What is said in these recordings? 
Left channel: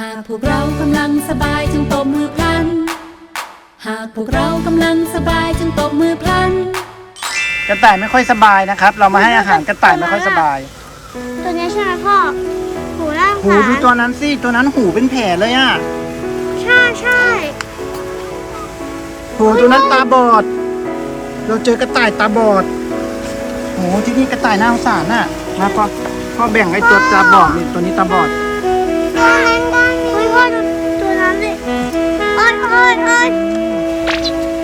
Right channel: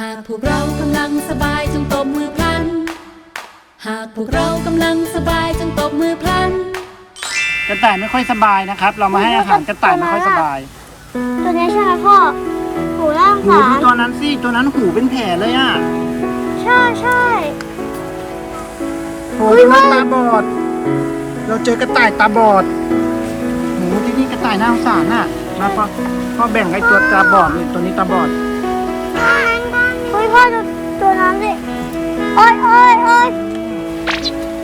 หากพวกเรากำลังสบายจงตบมือพลัน หากพวกเรากำลังสบายจงตบมือพลัน กระต่ายไม่ค่อยสบายนะครับ เรามาให้อาหารกระต่ายไม่ค่อยสบายตัวนี้ใช่ไหมพ่อหูล่างหูขาดูตัวนั้นสิตัวนั้นหูเป็นแผลเลยอะใช่ใช่โหตัวนั้นตาบอด เราเจอกระต่ายตาบอดโหที่นี่กระต่ายน่าสงสารน่ะมาพ่อพ่อแบ่งไอ้ตัวตาบอดนี่ตัวนี้ตาบอด ยโอ้ยโอ้ย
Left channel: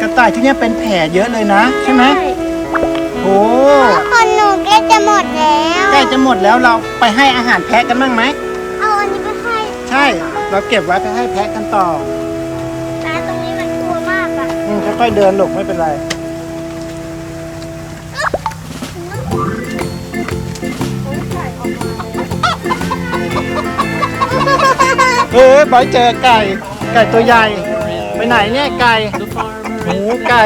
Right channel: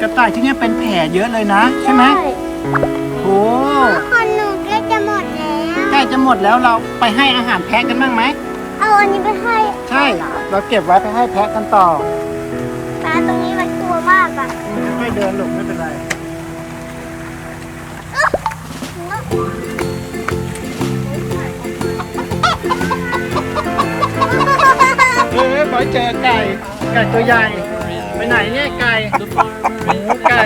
กระต่ายที่เนี่ยเป็นแผลเยอะเลยนะ ใช่ไหมโหคนหนูใกล้จะหมดแล้วใกล้จะหมดแล้วเราไปให้อาหารแพะกันบ้างไหมเอาอันนี้ไปให้ใช่ เราเก็บไว้ไปให้แพะกันต่อตาตรงนี้มันกลัวมากอะอืมค่อยๆเดินหลกไม่เป็นไรเฮ้ยบอยเจอไก่ ไก่ตัวใหญ่ ไปไหนเนี่ยไก่หมูไก่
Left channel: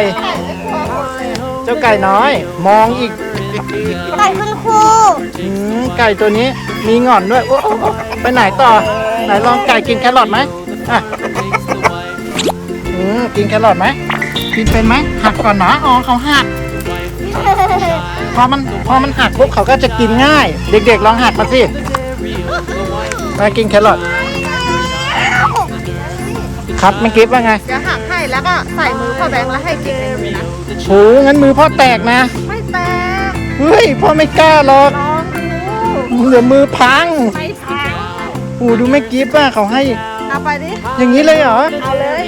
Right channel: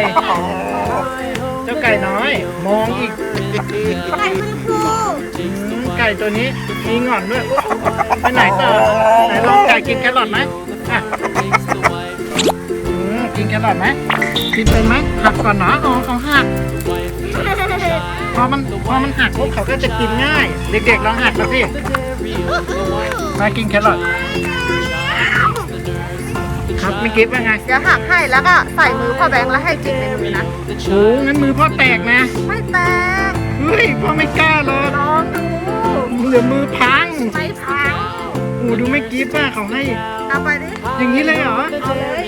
เจ้าไก่น้อย มองอีกไก่คุณครูอืมไก่ตัวนี้มีหงอนด้วยโอ้โหไปไหนต่อไหนลองไก่กินแครอทไหมอะอืมกินแครอทไหมกินเป็นไหมหักก่อนนะอ๋อเขาหักพอมันพอมันหักปุ๊บเขาก็จะกินง่าย เด็กๆลองหักมาสิมากินแครอท ครับไม่คิดว่าไงเดี๋ยวหักให้แล้วก็ใส่มือพ่อแบงค์แล้วให้กินในมือนะโอ้งั้นมือพ่อแตกนะ ไม่แตกเฮ้ยพ่อไม่กล้าหรอกลองดูเดี๋ยวมือพังไม่พังโอ้ดูไม่กิฟว่าเขาให้ เอาไปดิอย่างนี้เลยเหรอเอาเลย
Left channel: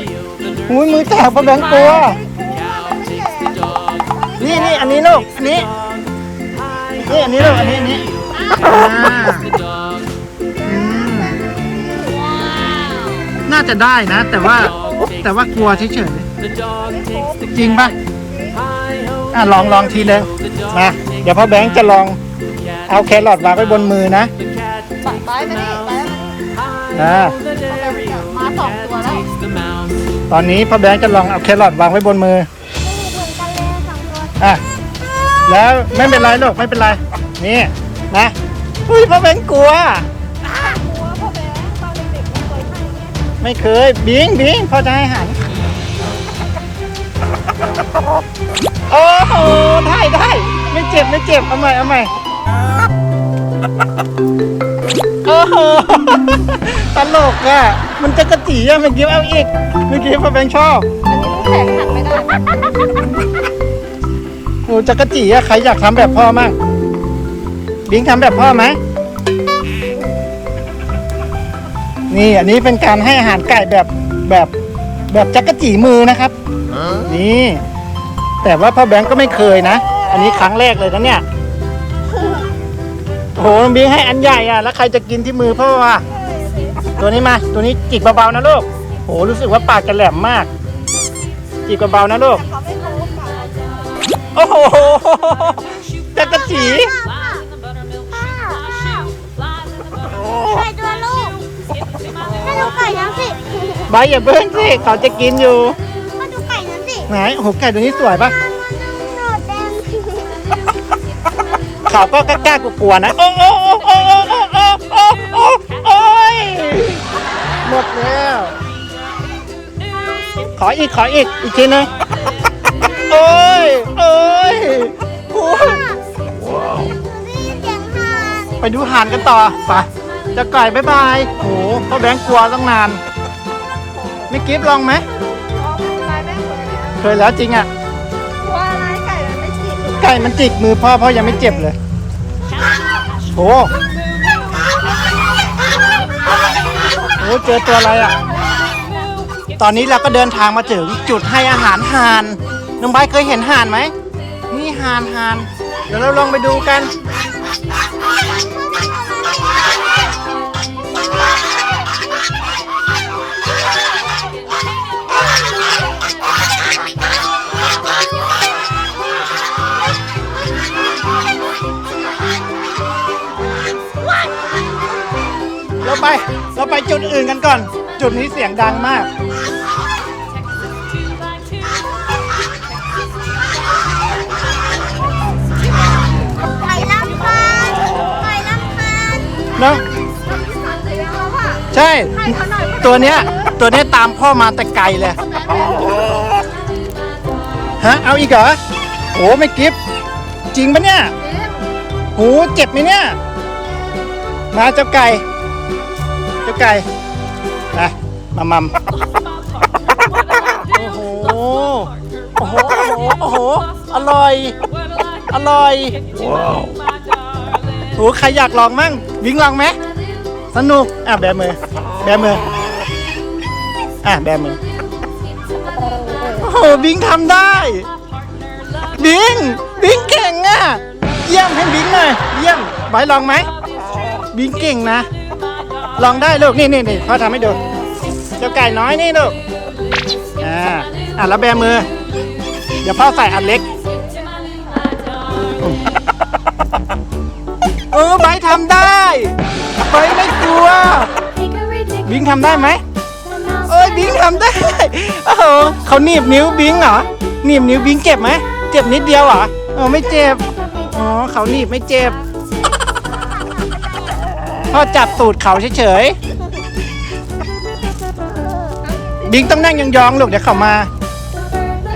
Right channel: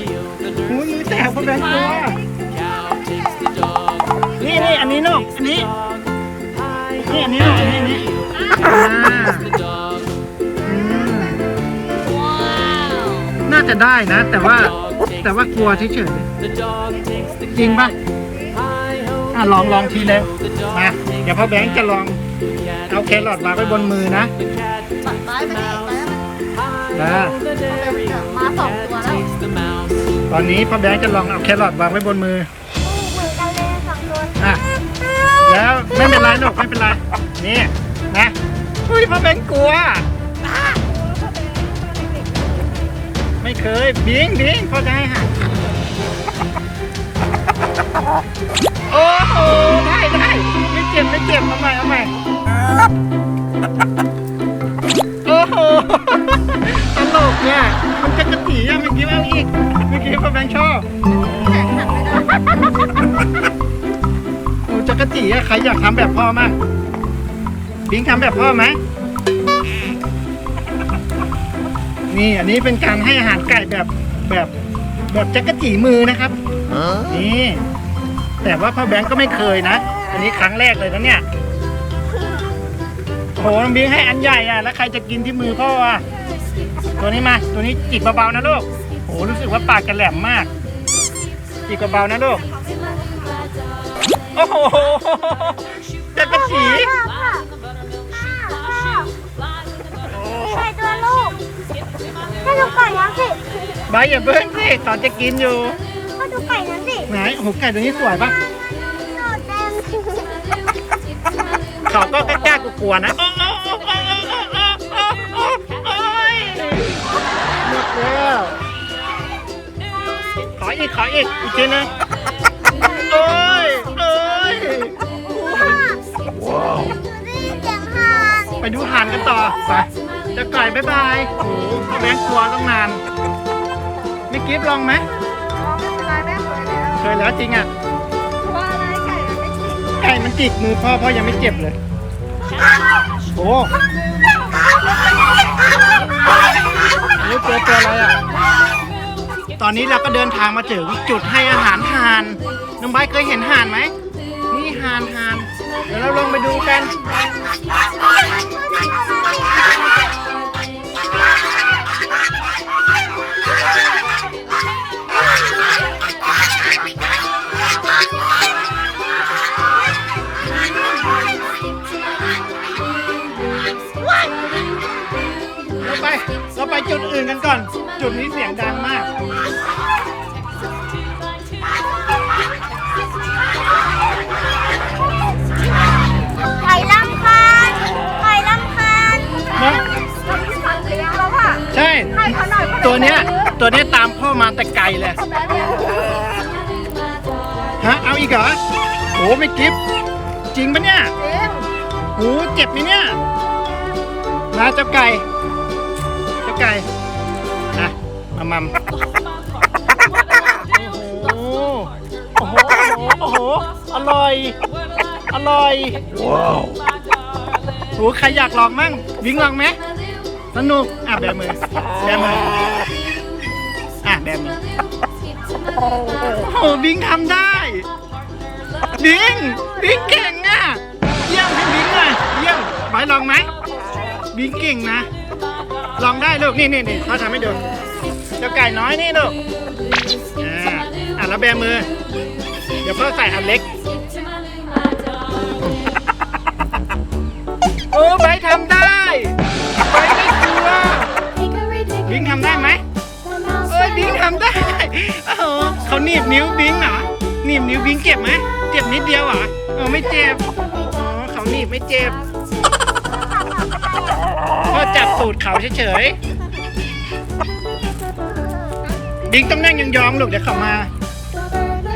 โอ้ยมือแตกพ่อแบงค์ตัวนี่นี่อันนี้ลูกอันนี้นี่อันนี้ลูกอันนี้อันนี้าจะได้นะ แต่ว่าแต่ว่ากลัวเฉยๆจริงปะอะลองลองทีเลยมาเดี๋ยวพ่อแบงค์จะลองเอาแครอทวางไว้บนมือนะนะมาสองตัวแล้วตอนนี้พ่อแบงค์จะลองเอาแครอทวางไว้บนมืออะแล้วไม่เป็นไรลูกไม่เป็นไรนี่นะอุ้ยพ่อแบงค์กลัว ไม่เคย บิงบิงพ่อจะให้หารโอ้โหได้ได้ไม่เจ็บไม่เจ็บเอาใหม่เอาใหม่โอ้โหตลกอะมันจะกระตีอะเมื่อกี้เอาอีกเมื่อกี้พ่อแบงค์ชอบโอ้จะกระจีอะใครอยากทำแบบพ่อมั่งบิงทำแบบพ่อไหม นี่อันนี้เป็นการให้อาหารไก่แบบแบบแบบจักรจีมือนะครับ นี่ แต่ว่าพ่อแบงก์ก็ไม่เคยนะ อันนี้ครั้งแรกเลยนะเนี่ยโอ้โหน้องบิงให้อันใหญ่อะแล้วใครจะกินที่มือพ่ออะตัวนี้มา ตัวนี้จิกเบาๆนะลูกโอ้โหรู้สึกว่าปากจะแหลมมาก จิกเบาๆนะลูก โอ้โหจักรจี ให้ดูไก่ยังสิใบอย่าเบิ้งสิเขาจะกินอยู่ให้ดูไก่ยังสิไหนโอ้โหไก่ตัวนี้สวยปะหนูแดงเขาก็กล้าๆกลัวๆนะโอ้โอ้โอ้โอ้โอ้โอ้โอ้โอ้โอ้ยหมดแล้ว ขออีกขออีกอีกทีนึงโอ้ยโอ้ยโอ้ยรีบเสียงห่านไปดูห่านกันต่อไป จะไก่บ๊ายบายโอ้โหพ่อแบงค์กลัวต้องนานไม่กิฟลองไหมลายแม่เปิดแล้วเคยแล้วจริงอะไก่มันไม่ฉีดไก่มันจิกมือพ่อพ่อยังไม่เจ็บเลยโอ้โหเจอตัวอะไรอะ ตอนนี้เราก็เดินทางมาถึงจุดให้อาหารห่านน้องไบร์ทเคยเห็นห่านไหมนี่ห่านห่าน เดี๋ยวเราลองไปดูกัน ไป เราไปจุดอื่นกันก่อน จุดนี้เสียงดังมาก ไก่ลำคาญไก่ลำคาญเนอะเลี้ยงแล้วค่ะใช่ตัวเนี้ย ตัวเนี้ยตามพ่อมาแต่ไกลเลย ฮะ เอาอีกเหรอโอ้ไม่กิฟจริงปะเนี่ยโหเจ็บไหมเนี่ย มาเจ้าไก่เจ้าไก่นะมามัมโอ้โหโอ้โหโอ้โหโอ้โห อร่อย อร่อยว้าวโหใครอยากลองมั่งวิ่งลองไหมสนุก อะแบมือ แบมือ อะแบมือ โอ้โหบิงทำได้บิงบิงเก่งอะ เยี่ยมให้บิงหน่อยเยี่ยมไว้ลองไหมบิงเก่งนะ ลองได้ลูกนี่นี่นี่พ่อทำให้ดูเจ้าไก่น้อยนี่ลูกอ่าอะแล้วแบมือ เดี๋ยวพ่อใส่อันเล็กเออไบทำได้ไบไม่กลัวบิงทำได้ไหมเอ้ยบิงทำได้โอ้โหเขาหนีบนิ้วบิงเหรอหนีบนิ้วบิงเจ็บไหมเจ็บนิดเดียวเหรอเออไม่เจ็บอ๋อเขาหนีบไม่เจ็บ พ่อจับตูดเขาเฉยๆ บิงต้องนั่งยองๆลูกเดี๋ยวเขามา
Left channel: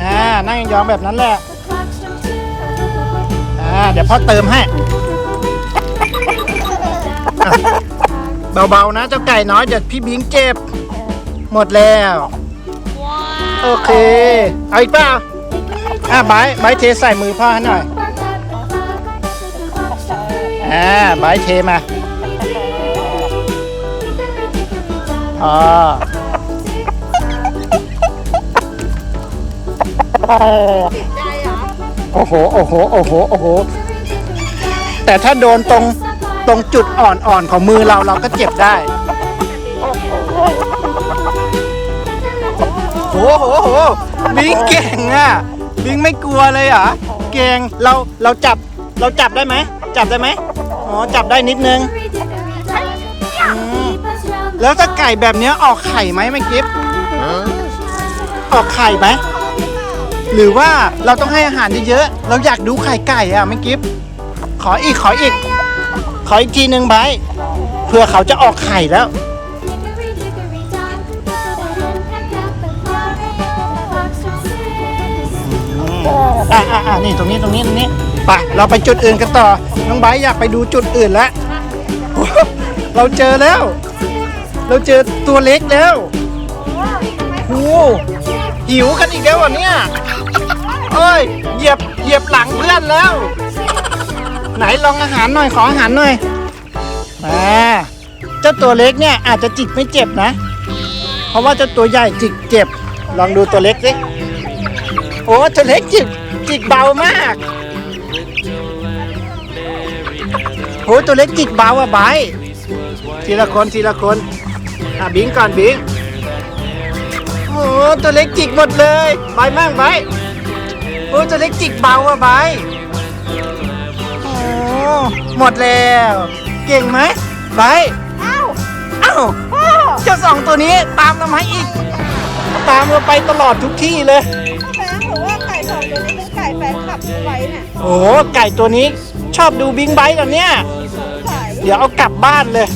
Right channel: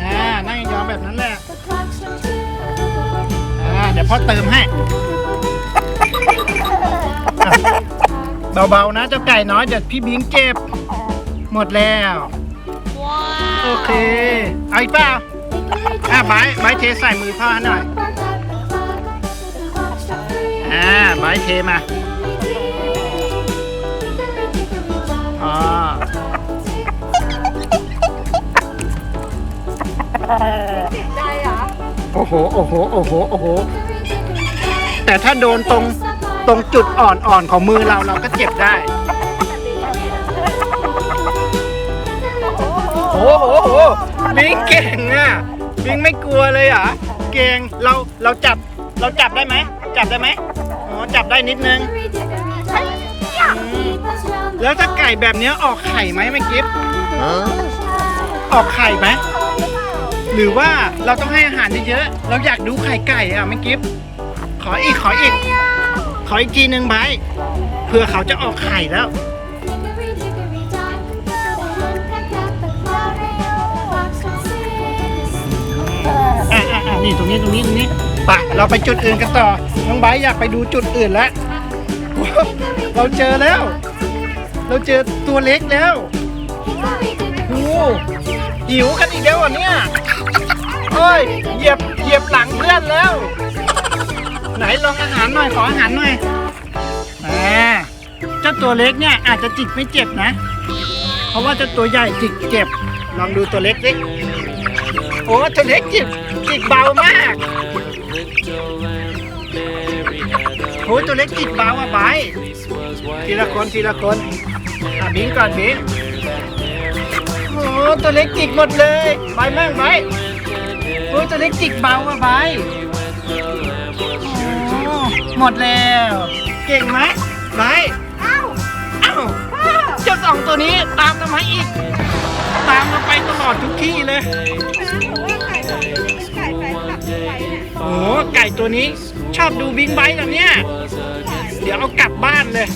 อ่า นั่งยองๆแบบนั้นแหละ อ่า เดี๋ยวพ่อเติมให้ เบาๆนะเจ้าไก่น้อยเดี๋ยวพี่บิงเจ็บ หมดแล้ว โอเค เอาอีกเปล่าอะไบร์ทไบร์ทเทใส่มือพ่อหน่อย อ่าไบร์ทเทมา อ๋อโอ้โห โอ้โห โอ้โห โอ้โห แต่ถ้าโดนตรงตรงจุดอ่อนๆของมือเราเราก็เจ็บได้ โอ้โหโหบิงเก่งอะ บิงไม่กลัวเลยเหรอเก่ง เรา เราจับ เราจับได้ไหม จับได้ไหม อ๋อ จับได้นิดนึง แล้วถ้าไก่แบบเนี้ยออกไข่ไหมไม่กิฟออกไข่ไหมหรือว่าเราต้องให้อาหารเยอะๆเราอยากดูไข่ไก่อะไม่กิฟขออีกขออีก ขออีกทีหนึ่งไบร์ทเพื่อเขาจะออกไข่แล้ว อะอะอะนี่ตรงนี้ตรงนี้ตรงนี้ไปเราไปจุดอื่นกันต่อ น้องไบร์ทอยากไปดูจุดอื่นแล้วโอ้โหเราเจอแล้ว เราเจอตัวเล็กแล้วโอ้หหิวกันอีกแล้วเหรอเนี่ยเอ้ยเหยียบเหยียบหลังเพื่อนแล้ว ไหนลองอาหารหน่อยขออาหารหน่อยมาเจ้าตัวเล็กเนี่ยอาจจะจิกไม่เจ็บนะ เพราะว่าเจ้าตัวใหญ่จิกเจ็บ ลองดูตัวเล็กสิโอ้ตัวเล็กจิกจิกเบามากโอ้ตัวเล็กจิกเบาอะไบร์ทีละคนทีละคนะบิงก่อนบิงโอ้ตัวเล็กจิกหมดเลยไปมากไปโอ้ตัวเล็กจิกเบาอะไบโอ้หมดแล้ว เก่งไหมไบร์ทเอ้าเจ้าสองตัวนี้ตามเรามาอีก ตามเราไปตลอดทุกที่เลย โอ้ไก่ตัวนี้ชอบดูบิงไบค์กันเนี่ย เดี๋ยวเอากลับบ้านเลย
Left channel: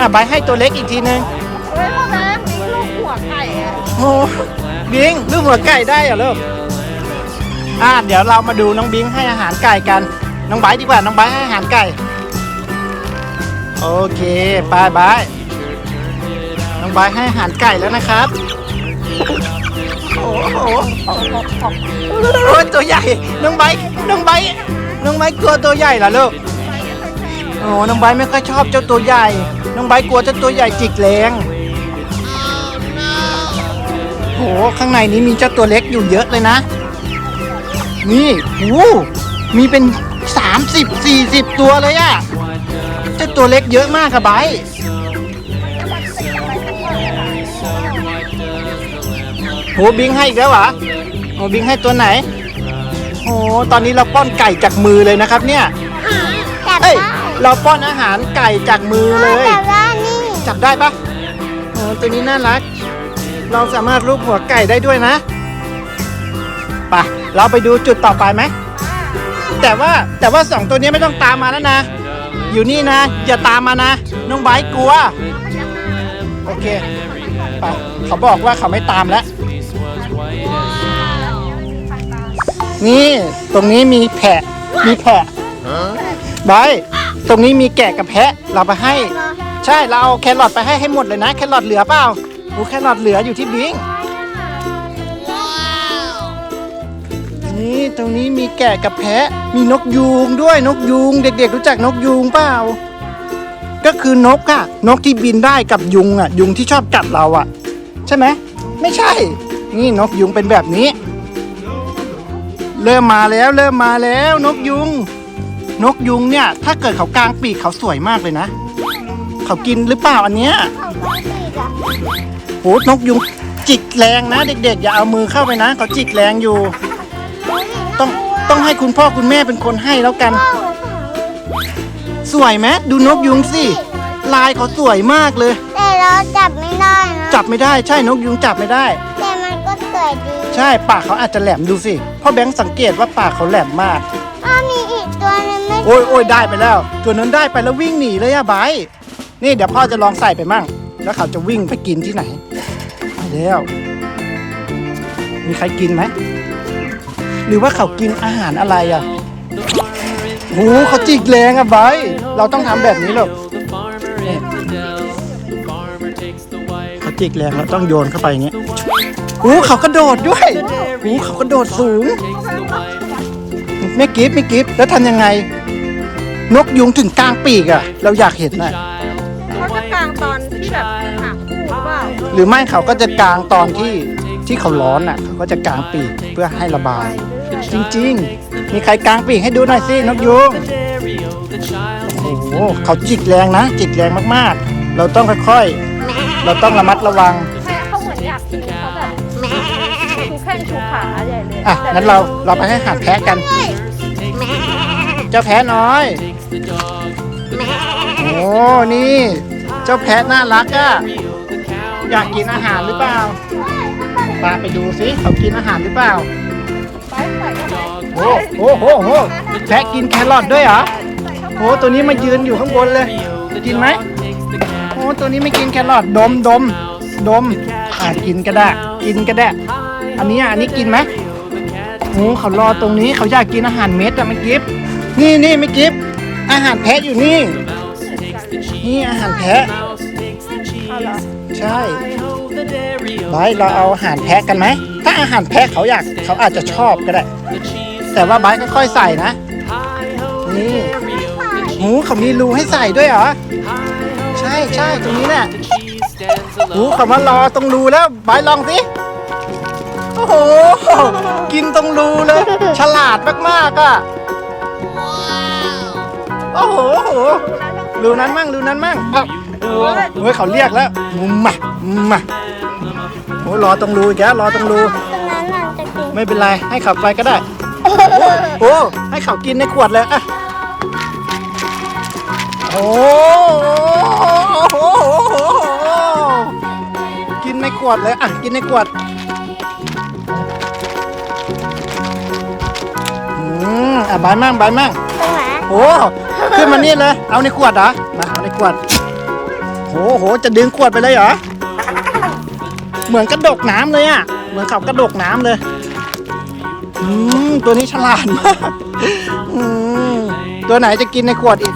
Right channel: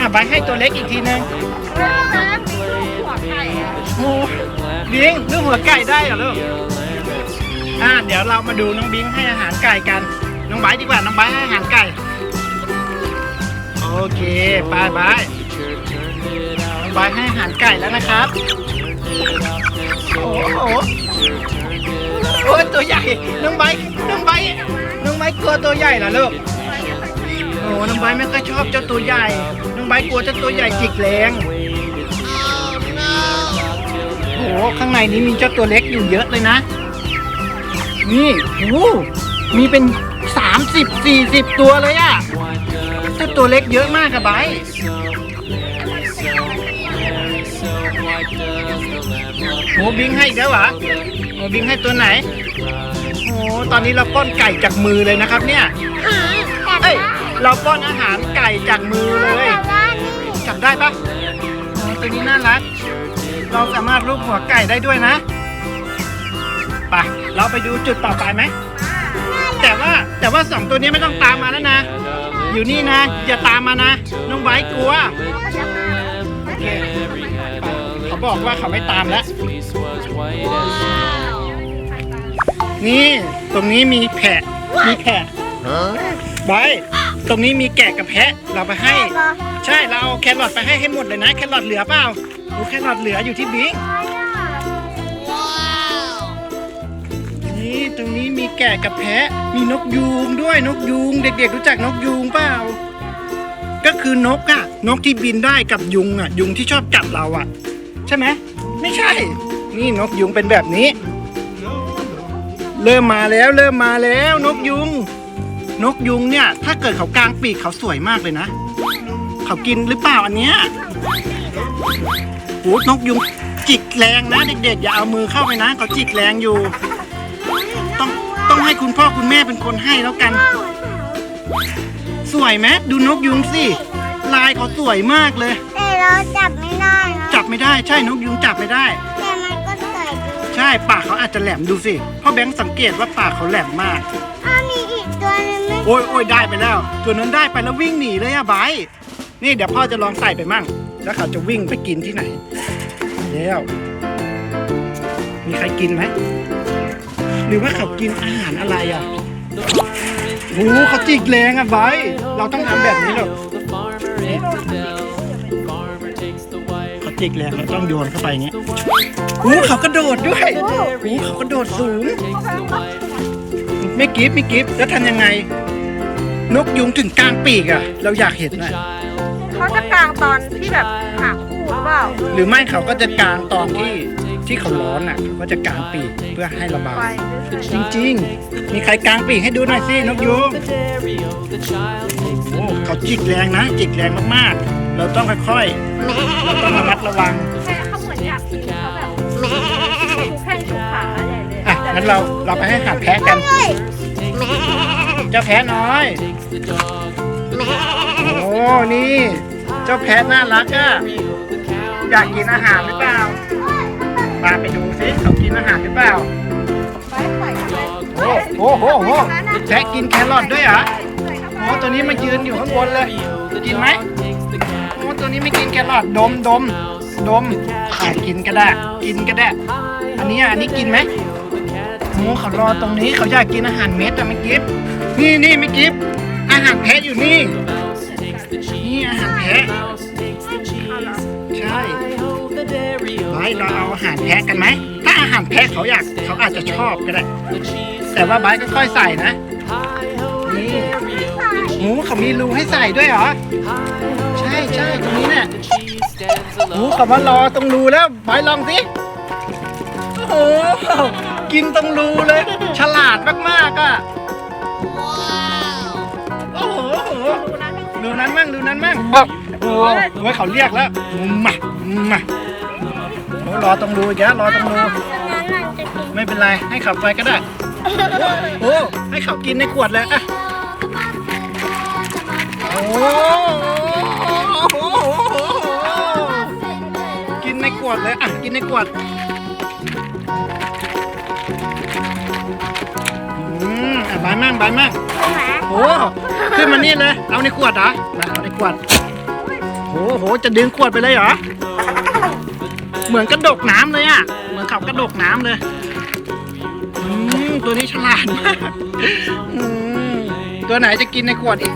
อะไบให้ตัวเล็กอีกทีนึงโอ้บิงลูกหัวไก่ได้เหรอลูกอะเดี๋ยวเรามาดูน้องบิงให้อาหารไก่กัน น้องไบดีกว่าน้องไบให้อาหารไก่ โอเคไปไบน้องไบให้อาหารไก่แล้วนะครับ โอ้โหโอ้ตัวใหญ่ น้องไบน้องไบน้องไบกลัวตัวใหญ่เหรอลูกโอ้น้องไบไม่ค่อยชอบเจ้าตัวใหญ่ ไบร์กลัวเจ้าตัวใหญ่จิกแรงโอ้โหข้างในนี้มีเจ้าตัวเล็กอยู่เยอะเลยนะ นี่โอ้มีเป็น 30 40 ตัวเลยอะเจ้าตัวเล็กเยอะมากครับไบร์ทโหบิงให้อีกแล้วเหรอโหบิงให้ตัวไหนโอ้ตอนนี้เราป้อนไก่จากมือเลยนะครับเนี่ยเอ้ยเราป้อนอาหารไก่จากมือเลย จับได้ปะโอ้ตัวนี้น่ารัก เราสามารถรูปหัวไก่ได้ด้วยนะไปะเราไปดูจุดต่อไปไหม แต่ว่าแต่ว่าสองตัวนี้ไม่ต้องตามมาแล้วนะ อยู่นี่นะ อย่าตามมานะ น้องไบร์ทกลัว โอเค ไป เขาบอกว่าเขาไม่ตามแล้ว นี่ ตรงนี้มีแพะมีแพะไบร์ท ตรงนี้มีแกะกับแพะเราไปให้ ใช่ เราเอาแครอทไปให้ให้หมดเลยนะ แครอทเหลือเปล่าโอ้แครอทเหลืออยู่ที่บิงนี่ตรงนี้มีแกะกับแพะ มีนกยูงด้วยนกยูง เด็กๆ รู้จักนกยูงเปล่า ก็คือนกอะนกที่บินได้กับยุงอะยุงที่ชอบกัดเราอะใช่ไหมไม่ใช่ นี่นกยุงเป็นแบบนี้ เริ่มมาแล้วเริ่มมาแล้วนกยุง นกยุงเนี่ย ถ้าเกิดเขากลางปีกเขาสวยมากเลยนะ เขากินหรือเปล่าอันเนี้ยโอ้นกยุงจิกแรงนะเด็กๆ อย่าเอามือเข้าไปนะเขาจิกแรงอยู่ ต้องต้องให้คุณพ่อคุณแม่เป็นคนให้แล้วกัน สวยไหมดูนกยุงสิลายเขาสวยมากเลย แต่เราจับไม่ได้นะจับไม่ได้ใช่นกยุงจับไม่ได้ แต่มันก็สวยดีใช่ปากเขาอาจจะแหลมดูสิพ่อแบงค์สังเกตว่าปากเขาแหลมมาก อ้ยโอ้ยได้ไปแล้ว ตัวนั้นได้ไปแล้ววิ่งหนีเลยอะไบร์นี่เดี๋ยวพ่อจะลองใส่ไปมั่ง แล้วเขาจะวิ่งไปกินที่ไหนเดี๋ยวมีใครกินไหม หรือว่าเขากินอาหารอะไรอะโอ้เขาจิกแรงอะไบร์เราต้องทำแบบนี้หรอกเขาจิกแรงเราต้องโยนเข้าไปอย่างเงี้ยโอ้เขากระโดดด้วยโอ้เขากระโดดสูงไม่กิฟไม่กิฟแล้วทำยังไง นกยุงถึงกลางปีกอะเราอยากเห็นนะเขาจะกลางตอนที่แบบหาคู่หรือเปล่าหรือไม่เขาก็จะกลางตอนที่ที่เขาร้อนอะเขาก็จะกลางปีกเพื่อให้ระบาย จริงๆ มีใครกลางปีกให้ดูหน่อยสินกยุงโอ้โหเขาจิกแรงนะ จิกแรงมากๆ เราต้องค่อยๆ เราต้องระมัดระวังอะงั้นเราเราไปให้อาหารแพะกัน เจ้าแพะน้อย โอ้นี่ เจ้าแพะน่ารักอะอยากกินอาหารหรือเปล่าปาไปดูสิเขากินอาหารหรือเปล่าโอ้โหโหโหแพะกินแครอทด้วยเหรอโอ้ตัวนี้มายืนอยู่ข้างบนเลย กินไหมโอ้ตัวนี้ไม่กินแครอทดมดมดมอะกินก็ได้ กินก็ได้ อันนี้อะอันนี้กินไหมโอ้เขารอตรงนี้เขาอยากกินอาหารเม็ดอะไม่กิฟนี่นี่ไม่กิฟ อาหารแพะอยู่นี่ นี่อาหารแพะ ใช่ไบร์เราเอาอาหารแพะกันไหม ถ้าอาหารแพะเขาอยากเขาอาจจะชอบก็ได้ แต่ว่าไบร์ทก็ค่อยใส่นะ นี่หมูเขามีรูให้ใส่ด้วยเหรอ ใช่ใช่ตรงนี้แหละหมูเขามารอตรงรูแล้วไบร์ลองสิโอ้โห กินตรงรูเลย ฉลาดมากๆอะ อ้โหโอ้โหรูนั้นมั่งรูนั้นมั่งอ๋อเฮ้ยเขาเรียกแล้วมามาโอ้ยรอตรงรูอีกแล้วรอตรงรูไม่เป็นไรให้เขาไปก็ได้โอ้ให้เขากินในขวดเลยอะโอ้โหกินในขวดเลยอะกินในขวดอืมอะบานมั่งบานมั่งโอ้ ขึ้นมานี่เลย เอาในขวดเหรอมาเอาในขวด โหโห จะดึงขวดไปเลยเหรอ เหมือนกระดกน้ำเลยอะ เหมือนเขากระดกน้ำเลย อืม ตัวนี้ฉลาดมาก อืม ตัวไหนจะกินในขวดอีก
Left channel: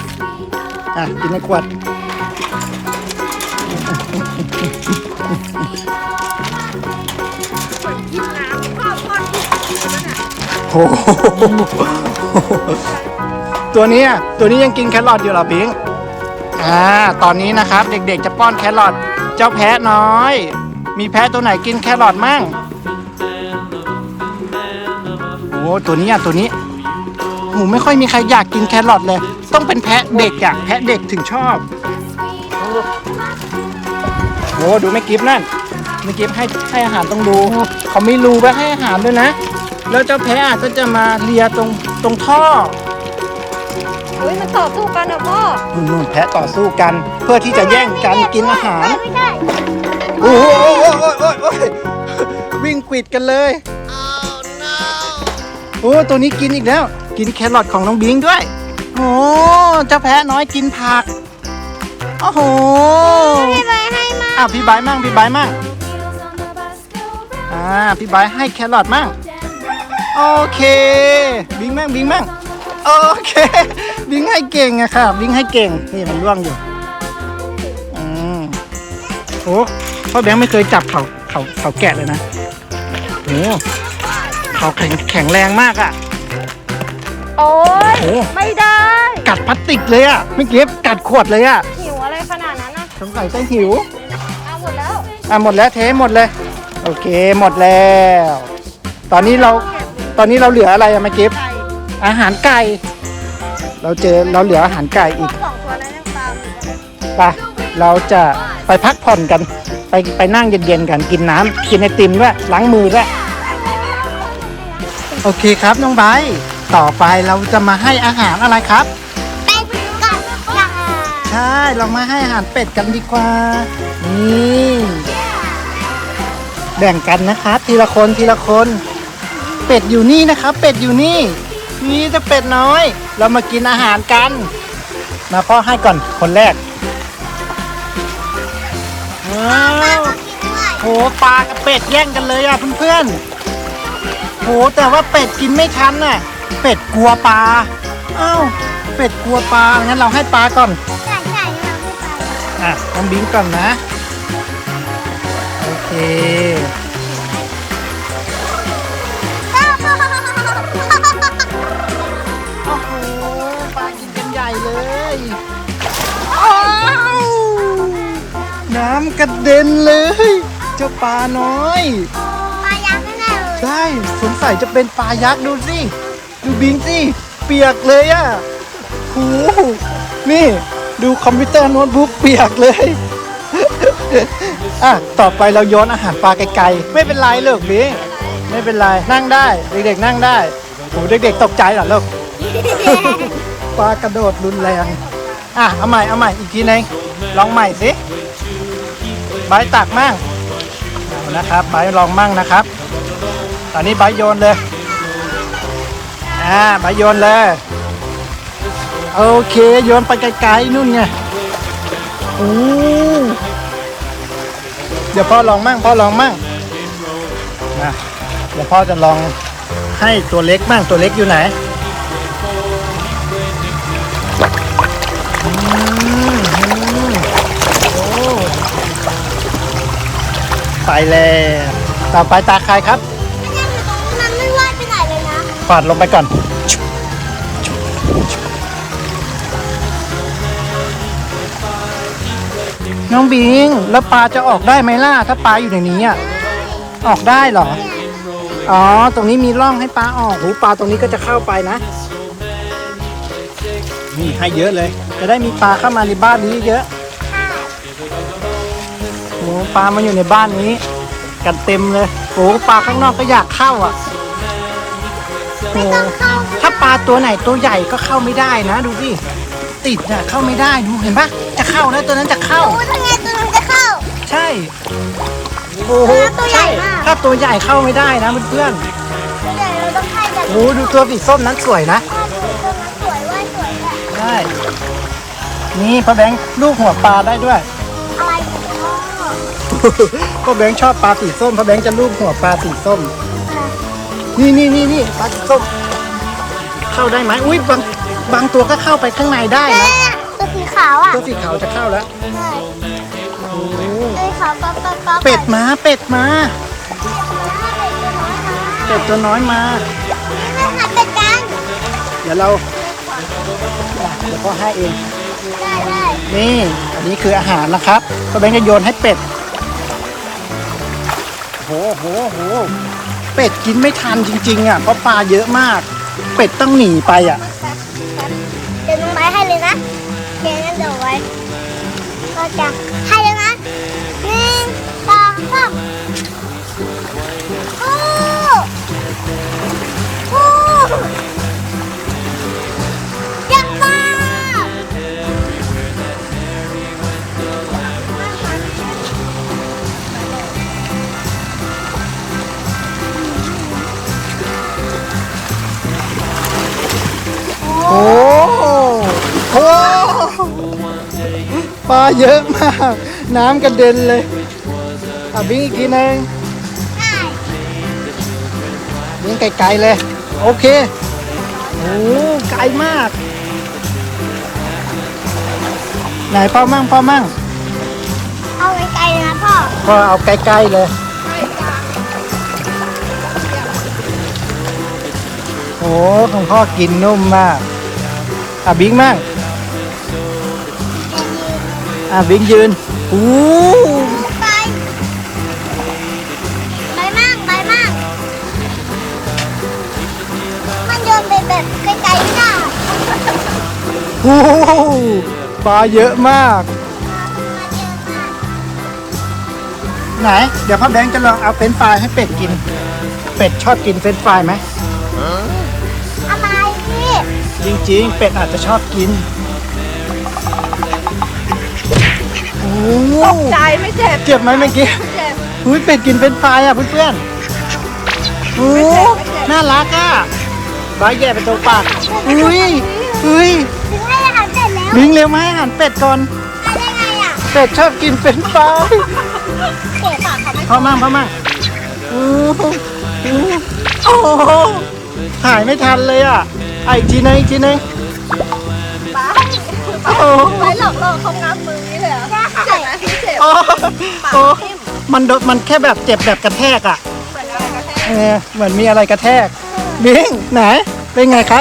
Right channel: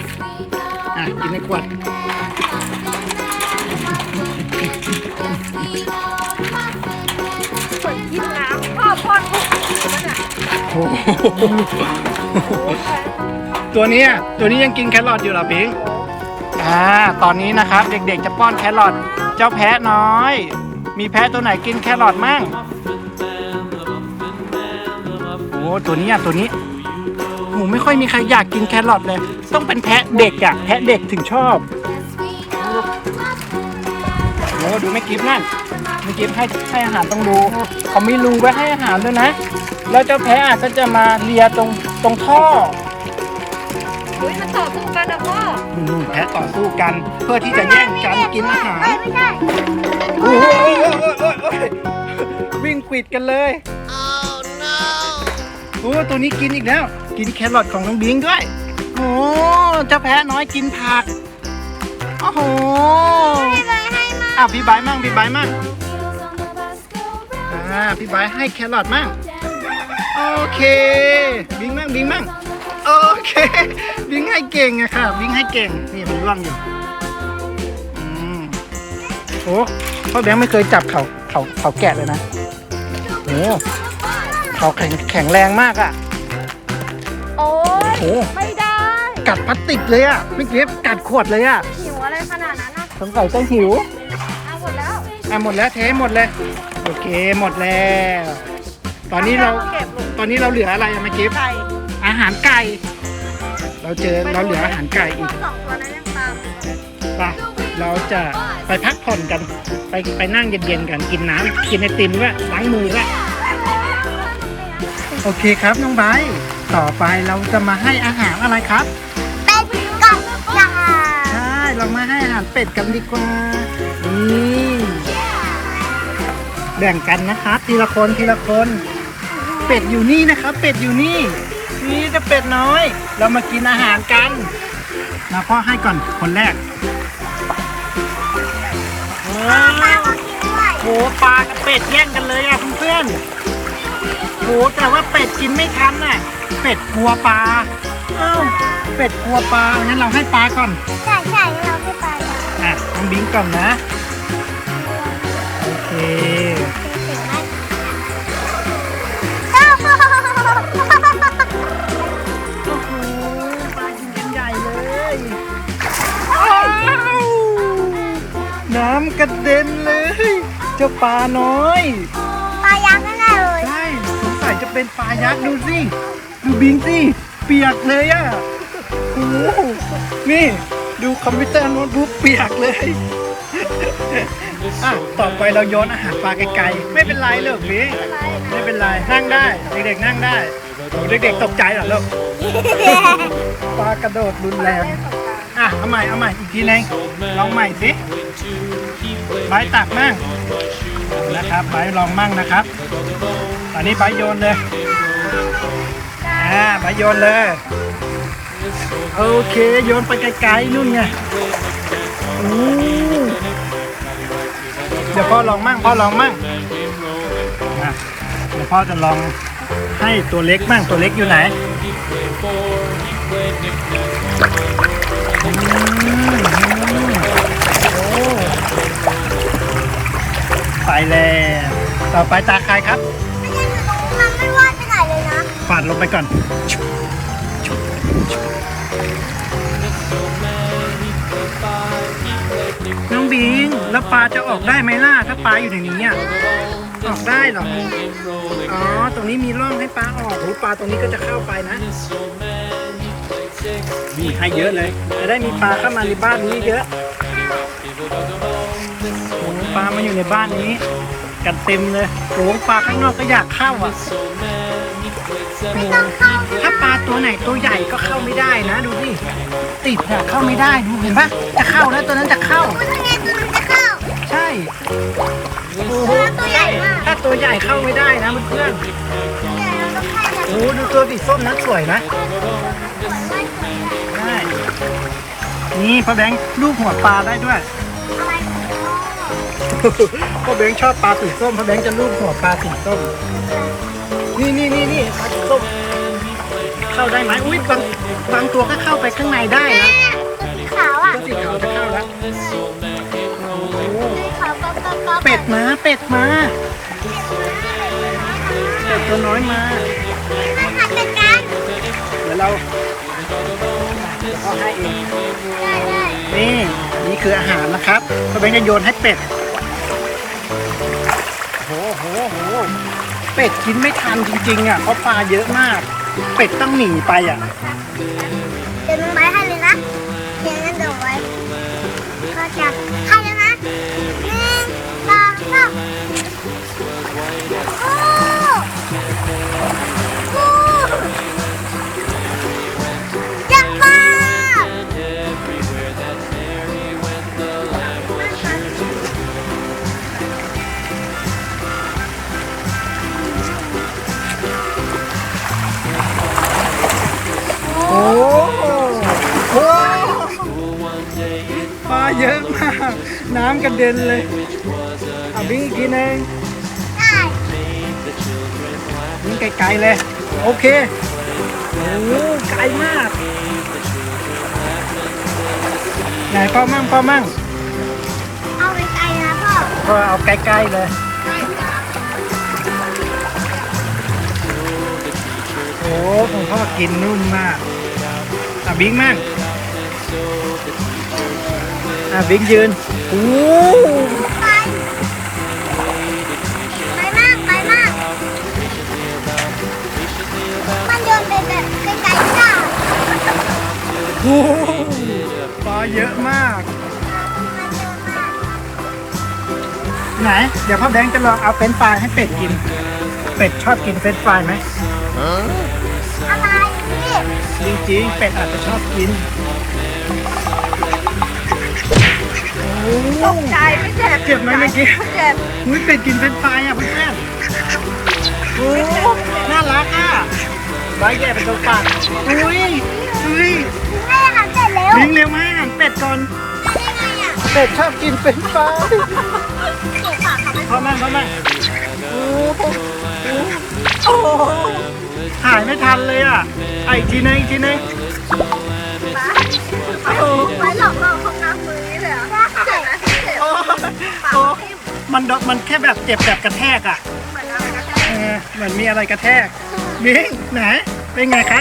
อะ กินในขวดกินน้ำพ่อพ่อทุกโอ้โห ตัวนี้ตัวนี้ยังกินแครอทอยู่เหรอพิงอ่าตอนนี้นะครับเด็กๆจะป้อนแครอทเจ้าแพะน้อย มีแพะตัวไหนกินแครอทมั่งโอ้ตัวนี้อะตัวนี้โหไม่ค่อยมีใครอยากกินแครอทเลย ต้องเป็นแพะเด็กอะแพะเด็กถึงชอบโอ้ดูไม่กิฟนั่นไม่กิฟให้ให้อาหารต้องดูเขามีรูไว้ให้อาหารด้วยนะ แล้วเจ้าแพะอาจจะจะมาเลียตรงตรงท่อ เฮ้ยมันต่อสู้กันนะพ่อนู่นๆแพะต่อสู้กัน เพื่อที่จะแย่งกันกินอาหาร ไม่ได้โอ้โหโอ้โหโอ้โหโอ้โหวิ่งกวิดกันเลยโอ้ตัวนี้กินอีกแล้ว กินแครอทของน้องบิงด้วยโอ้เจ้าแพะน้อยกินผักโอ้โหให้มาให้มาอะพี่ใบร์ทมั่งพี่ใบร์ทมั่งอ่าพี่ใบร์ทให้แครอทมั่งโอเค บิงมั่งบิงมั่ง โอเคบิงให้เก่งอะค่ะบิงให้เก่ง นี่มันร่วงอยู่อืมโอ้พ่อแบงค์ไม่เคยจับเขาเขาเขาแกะเลยนะโอ้เขาแข็งแข็งแรงมากอะโอ้ยโอ้ไม่ได้กัดพลาสติกเลยอะเมื่อกี้กัดขวดเลยอะหิวอะไรขนาดนั้นนะสงสัยจะหิว เอาหมดแล้วอะหมดแล้วเทหมดเลย โอเคหมดแล้ว ตอนนี้เราตอนนี้เราเหลืออะไรอะเมื่อกี้ไก่ อาหารไก่ เราเจอเราเหลืออาหารไก่อีกสองตัวนั้นยังตามไปเราจะไปพักผ่อนกัน ไปไปนั่งเย็นๆกันกินน้ำกินไอติมด้วยล้างมือด้วยโอเคครับน้องไบร์ทต่อไปเราจะมาให้อาหารอะไรครับเป็ดกับปลาใช่เรามาให้อาหารเป็ดกันดีกว่านี่แบ่งกันนะครับทีละคนทีละคน เป็ดอยู่นี่นะครับ เป็ดอยู่นี่ นี่จะเป็ดน้อย เรามากินอาหารกัน มาพ่อให้ก่อนคนแรกว้าวโหปลากับเป็ดแย่งกันเลยอะเพื่อนๆโหแต่ว่าเป็ดกินไม่ทันน่ะ เป็ดกลัวปลาอ้าวเป็ดกลัวปลางั้นเราให้ปลาก่อนอะน้องบิงก่อนนะ โอเค กระเด็นเลย เจ้าปลาน้อย ปลายักษ์นั่นแหละเลยใช่สงสัยจะเป็นปลายักษ์ดูสิดูบิงสิเปียกเลยอะ่ะโอ้โหนี่ ดูคอมพิวเตอร์โน้ตบุ๊กเปียกเลยอะต่อไปเราโยนอาหารปลาไกลๆไม่เป็นไรลูกบิงไม่เป็นไรนั่งได้เด็กๆนั่งได้โอ้เด็กๆตกใจเหรอลูกปลากระโดดรุนแรง อะเอาใหม่เอาใหม่อีกทีนึงลองใหม่สิใบตักมั่งนะครับใบลองมั่งนะครับ ตอนนี้ใบโยนเลยอ่าใบโยนเลยโอเคโยนไปไกลๆนู่นไงโอ้เดี๋ยวพ่อลองมั่งพ่อลองมั่งมาเดี๋ยวพ่อจะลองให้ตัวเล็กมั่งตัวเล็กอยู่ไหน ไปแล้วต่อไปตาใครครับยังอยู่ตรงนั้นไม่ว่าไปไหนเลยนะปาดลงไปก่อน น้องบิง แล้วปลาจะออกได้ไหมล่ะ ถ้าปลาอยู่ในนี้อะ ออกได้เหรอ อ๋อ ตรงนี้มีร่องให้ปลาออกหูปลาตรงนี้ก็จะเข้าไปนะ นี่ให้เยอะเลย จะได้มีปลาเข้ามาในบ้านนี้เยอะ โอ้ปลามาอยู่ในบ้านนี้ กันเต็มเลยโอ้ปลาข้างนอกก็อยากเข้าอะโอ้ถ้าปลาตัวไหนตัวใหญ่ก็เข้าไม่ได้นะ ดูสิติดอะเข้าไม่ได้ดูเห็นปะจะเข้าแล้วตัวนั้นจะเข้า ใช่โอ้โหใช่ ถ้าตัวใหญ่เข้าไม่ได้นะเพื่อนๆโอ้ดูตัวสีส้มนั้นสวยนะได้นี่พ่อแบงค์ลูกหัวปลาได้ด้วย พ่อแบงค์ชอบปลาสีส้มพ่อแบงค์จะลูบหัวปลาสีส้ม นี่นี่นี่นี่ปลาสีส้ม เข้าได้ไหมอุ้ยบางบางตัวก็เข้าไปข้างในได้นะตัวสีขาวอะตัวสีขาวจะเข้าแล้วโอ้โหสีขาวปั๊บปั๊บปั๊บเป็ดมาเป็ดมาเป็ดตัวน้อยมาให้หัดจัดการเดี๋ยวเราเดี๋ยวพ่อให้เองนี่อันนี้คืออาหารนะครับพ่อแบงค์จะโยนให้เป็ด โหโหโหเป็ดกินไม่ทันจริงๆอะเพราะปลาเยอะมาก เป็ดต้องหนีไปอะเดี๋ยวลงไว้ให้เลยนะเดี๋ยวนั้นเดี๋ยวไว้ก็จะให้แล้วนะหนึ่งสองสาม ลาเยอะมาก น้ำกระเด็นเลยอะบิงอีกทีหนึงได้บิงไกลๆเลย โอเคโอ้ไกลมาก ไหนพ่อมั่งพ่อมั่งเอาไปไกลนะพ่อพ่อเอาใกล้ๆเลยโอ้ของพ่อกินนุ่มมากอะบิงมั่ง อะบิงยืนโอ้ไปไปมากไปมาก มันเดินไปแบบไกลๆไม่ได้โหปลาเยอะมากไหน เดี๋ยวพ่อแบงค์จะลองเอาเฟรนช์ฟรายให้เป็ดกิน เป็ดชอบกินเฟรนช์ฟรายไหม อะไรนี่ จริงๆ เป็ดอาจจะชอบกินโใจไม่เจ็บเจ็บไหมเมื่อกี้เจ็บอุ้ยเป็ดกินเฟรนช์ฟรายอะเพื่อนๆโอ้น่ารักอะบายแย่เป็นตัวปากอุ้ยอุ้ยถึงให้อาหารเสร็จแล้วลิงเร็วมาให้อาหารเป็ดก่อนได้ไงอะเป็ดชอบกินเฟรนช์ฟรายเปิดปากเขาไม่พ่อมั่งพ่อมั่งโอ้โหโอ้โหถ่ายไม่ทันเลยอะไอะอีกทีนึงอีกทีนึงโอ้โหไว้หลอกล่อเขาน้ำ โอ้มันโดนมันแค่แบบเจ็บแบบกระแทกอะเอนอะไรก็แค่เออเหมือนมีอะไรกระแทกบิงไหนเป็นไงคะ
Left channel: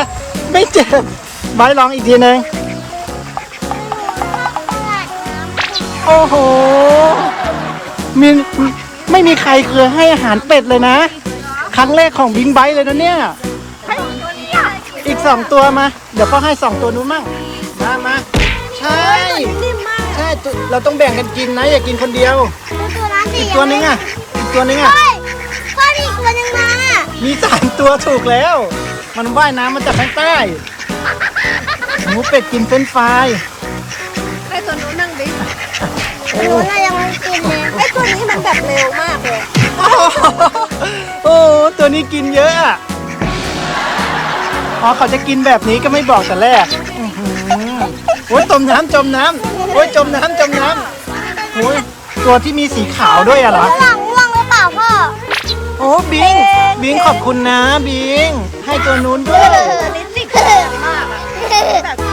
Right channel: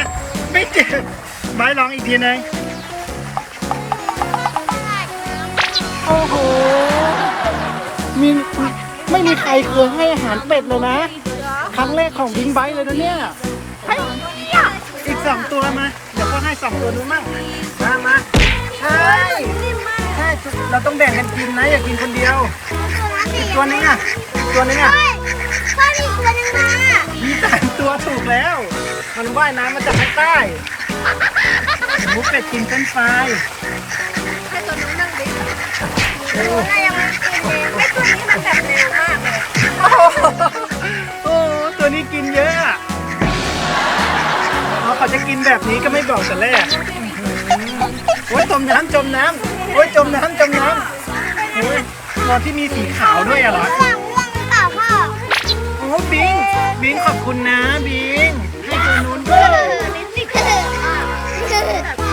ไม่เจ็บไบร์ทลองอีกทีนึงโอ้โหมีไม่มีใครเคยให้อาหารเป็ดเลยนะ ครั้งแรกของบิงไบร์เลยนะเนี่ยอีกสองตัวมา เดี๋ยวพ่อให้สองตัวนู้นมั่งมามาใช่ ใช่ตัวเราต้องแบ่งกันกินนะ อย่ากินคนเดียว อีกตัวนึงอะ อีกตัวนึงอะเฮ้ยป้ามีอีกคนนึงมามีสามตัวถูกแล้ว มันว่ายน้ำมาจากข้างใต้หมูเป็ดกินเฟรนช์ฟรายให้ตัวนู้นนั่งดิโอ้เรายังไม่กินเลยไอ้ตัวนี้มันแบบเร็วมากเลยโหโอ้ตัวนี้กินเยอะอะอ๋อเขาจะกินแบบนี้ก็ไม่บอกแต่แรกอื้อหือโอ้ยจมน้ำจมน้ำ โอ้ยจมน้ำจมน้ำโอ้ยตัวที่มีสีขาวด้วยอะเหรอ หลังง่วงหรือเปล่าพ่อโอ้บิง บิงขอบคุณนะบิง ให้ตัวนู้นด้วยลิ้นสิคือ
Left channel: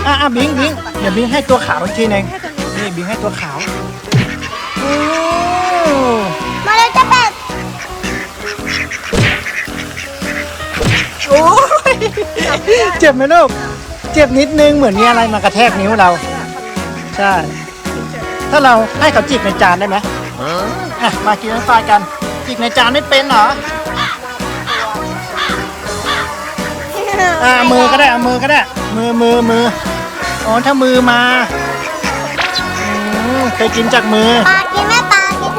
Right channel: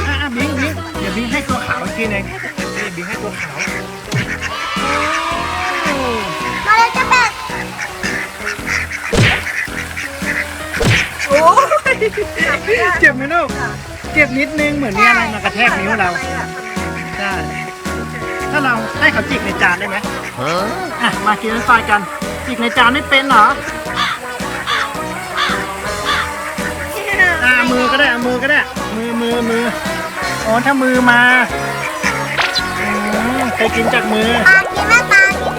อะอะบิงบิงเดี๋ยวบิงให้ตัวขาวอีกทีหนึงนี่บิงให้ตัวขาวโอ้มาแล้วจะแบบโอ้ยเจ็บไหมลูกเจ็บนิดนึงเหมือนมีอะไรมากระแทกนิ้วเรา ใช่ ถ้าเราให้เขาจิกในจานได้ไหมอะมากินน้ำไฟกันจิกในจานไม่เป็นเหรออ่ามือก็ได้เอามือก็ได้ มือมือมืออ๋อถ้ามือมาอืมเคยกินจากมือ ปลากินแม่ปลากิน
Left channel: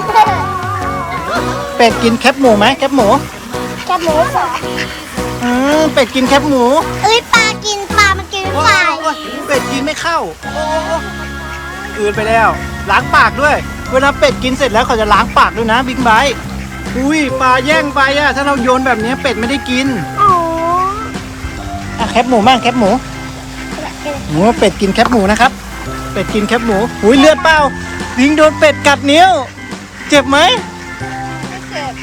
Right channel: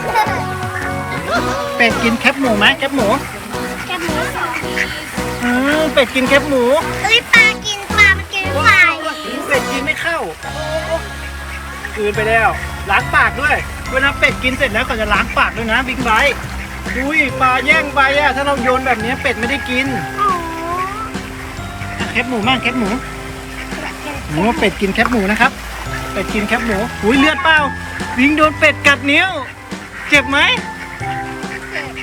เป็ดกินแคบหมูไหมแคบหมูแคบหมูอืมเป็ดกินแคบหมูเอ้ยปลากินปลามันกินโอ้ปลาโอ้เป็ดกินไม่เข้าโอ้โอ้ กลืนไปแล้ว ล้างปากด้วย เวลาเป็ดกินเสร็จแล้วเขาจะล้างปากด้วยนะบิ๊กไบท์อุ้ยปลาแย่งไปอะถ้าเราโยนแบบนี้เป็ดไม่ได้กินอะแคบหมูบ้างแคบหมูหมูเป็ดกินแคบหมูนะครับ เป็ดกินแคบหมูอุ้ยเลือดเปล่าลิงโดนเป็ดกัดนิ้ว เจ็บไหม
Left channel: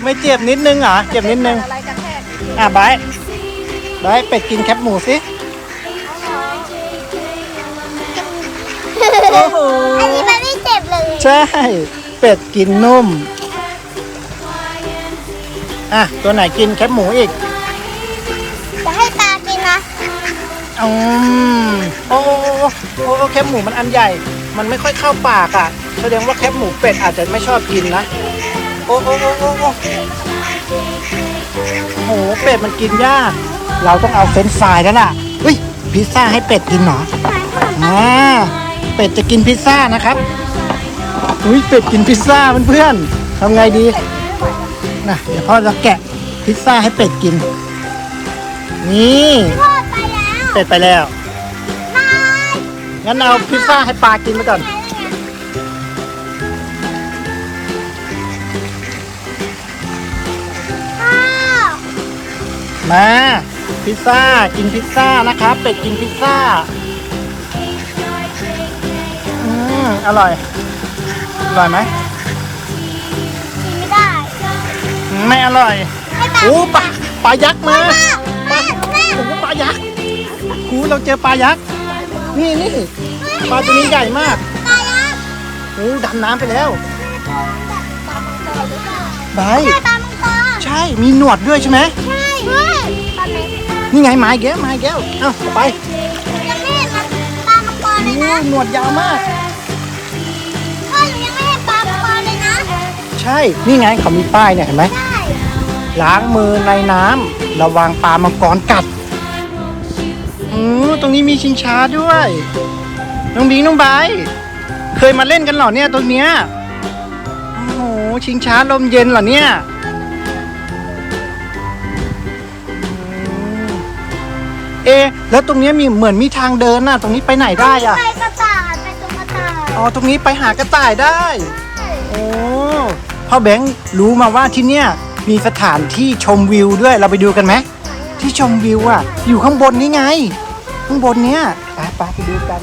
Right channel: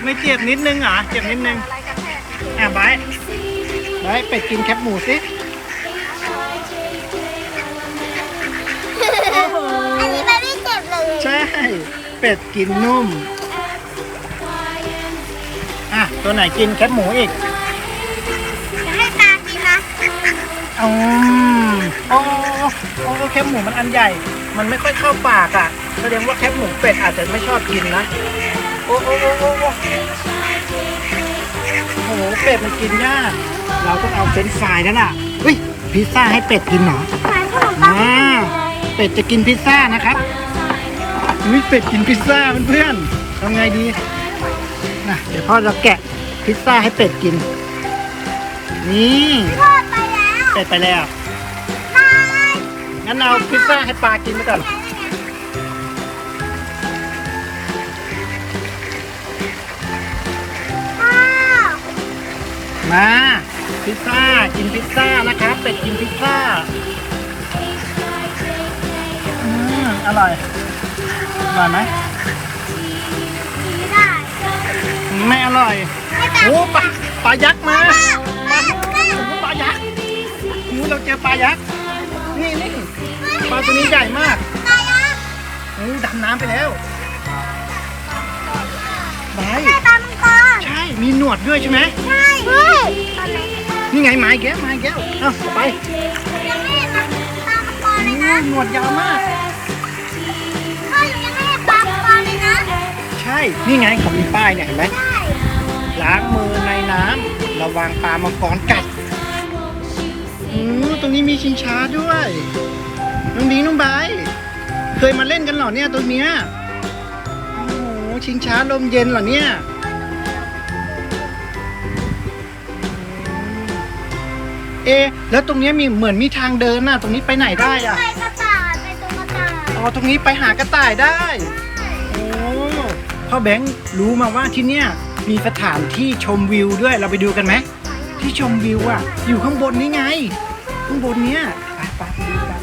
ไม่เจ็บนิดนึงเหรอเจ็บนิดนึงอะไบร์ไบร์เป็ดกินแคบหมูสิ โอ้โห อันนี้มันไม่เจ็บเลยใช่ เป็ดกินนุ่ม อะ ตัวไหนกินแคบหมูอีกจะให้ปลากินนะอืมโอ้โอ้โอ้โอ้แคบหมูมันอันใหญ่ มันไม่ค่อยเข้าปากอะ แสดงว่าแคบหมูเป็ดอาจจะไม่ชอบกินนะ โอ้โอ้โอ้โอ้โอ้โหเป็ดมันกินยาก เราต้องเอาเฟรนช์ฟรายแล้วล่ะ อุ้ยพิซซ่าให้เป็ดกินเหรออ่า เป็ดจะกินพิซซ่านะครับอุ้ยเป็ดกินพิซซ่าเพื่อนๆทำไงดีนะเดี๋ยวพ่อจะแกะพิซซ่าให้เป็ดกิน นี่เป็ดไปแล้วงั้นเอาพิซซ่าให้ปลากินไปก่อนมาพิซซ่ากินพิซซ่านะครับเป็ดกินพิซซ่า มอร่อยร่อยไหม ไม่ได้ไม่อร่อยไม่ได้โอ้ปลาปลายักษ์มาแม่แม่โอ้ปลายักษ์โอ้เราเจอปลายักษ์ นี่นี่ปลาตัวนี้ใหญ่มากโอ้ดำน้ำไปแล้วไหนแม่ตามังกรใช่ มีหนวดด้วยใช่ไหมใช่เฮ้ยตอนนี้นี่ไงไม้แก้วไม้แก้วเอ้าไปยังไม่เห็นปลามังกรเลยโอ้นะหนวดยาวมาก ใช่ นี่ไงเขามีป้ายเนี่ยเห็นไหมใช่ล้างมือในน้ำระวังปลามังกรกัดอืมตรงนี้มีชิงช้าด้วย น้องบิงน้องไบร์ทเคยมาเล่นกันเหรอเนี่ยตรงเนี้ยโอ้โหชิงช้าลมเย็นเหรอเนี่ยอืมเอะแล้วตรงเนี้ยมีเหมือนมีทางเดินน่ะ ตรงนี้ไปไหนได้อะไปกระต่ายไปตรงกระต่าย อ๋อ ตรงนี้ไปหากระต่ายได้โอ้ พ่อแบงค์รู้มาว่าที่เนี่ยมีสถานที่ชมวิวด้วยเราไปดูกันไหมที่ชมวิวอะ อยู่ข้างบนนี่ไง ข้างบนเนี้ยไปไปไปดูกัน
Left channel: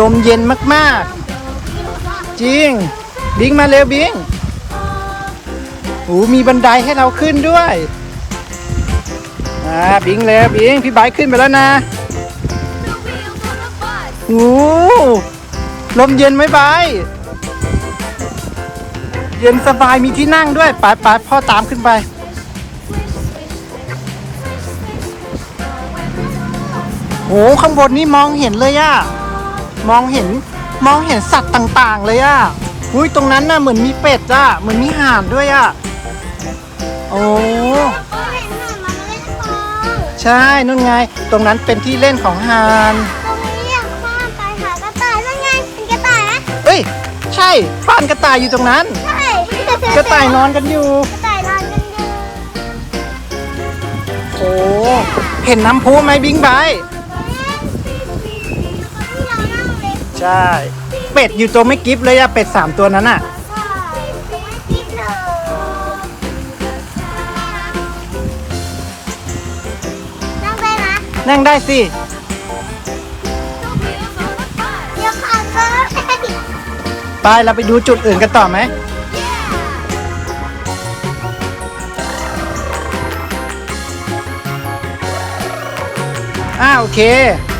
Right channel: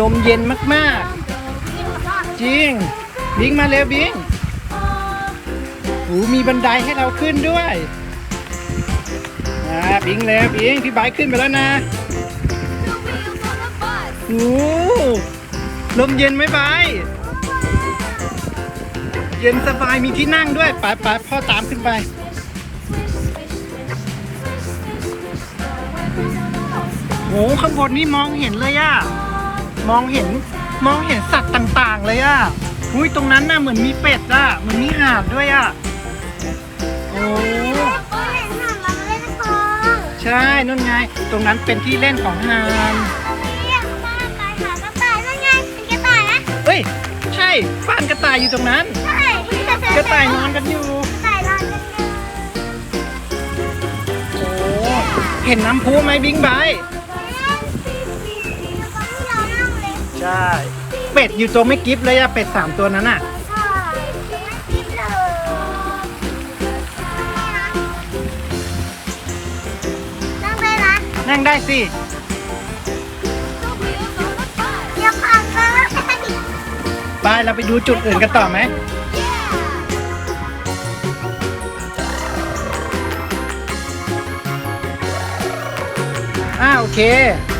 ลมเย็นมากๆ จริง บิงมาเร็วบิงโอ้มีบันไดให้เราขึ้นด้วยอ่าบิงเร็วบิงพี่ไบขึ้นไปแล้วนะโอ้ลมเย็นไหมไบ เย็นสบายมีที่นั่งด้วยไปไปพ่อตามขึ้นไป โอ้ข้างบนนี่มองเห็นเลยอะมองเห็นมองเห็นสัตว์ต่างๆ เลยอะอุ้ยตรงนั้นน่ะเหมือนมีเป็ดอะเหมือนมีห่านด้วยอะโอ้เห็นหมามันเล่นคองใช่นู่นไง ตรงนั้นเป็นที่เล่นของห่านเรียกว่าไปหากระต่ายนั่นไงมีกระต่ายนะเอ้ย ใช่ฟานกระต่ายอยู่ตรงนั้นใช่ กระต่ายนอนกันอยู่กระต่นอนกันอยู่โอ้เห็นน้ำพุไหมบิงไบค์ที่เรานั่งเลยใช่ เป็ดอยู่ตัวไม่กิฟเลยอะเป็ดสามตัวนั้นอะช่ไม่คิดเลยนั่งได้นะนั่งได้สิเดี๋ยวขากินไปเราไปดูจุดอื่นกันต่อไหม เค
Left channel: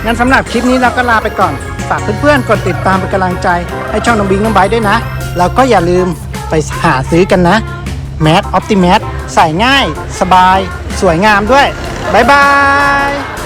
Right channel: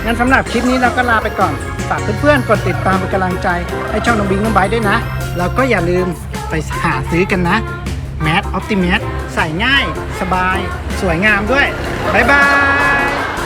งั้นสำหรับคลิปนี้เราก็ลาไปก่อน ฝากเพื่อนๆ กดติดตามเป็นกำลังใจ ให้ช่องน้องบิงน้องไบด้วยนะแล้วก็อย่าลืมไปหาซื้อกันนะ แมสออปติแมสใส่ง่าย สบาย สวยงามด้วย บ๊ายบาย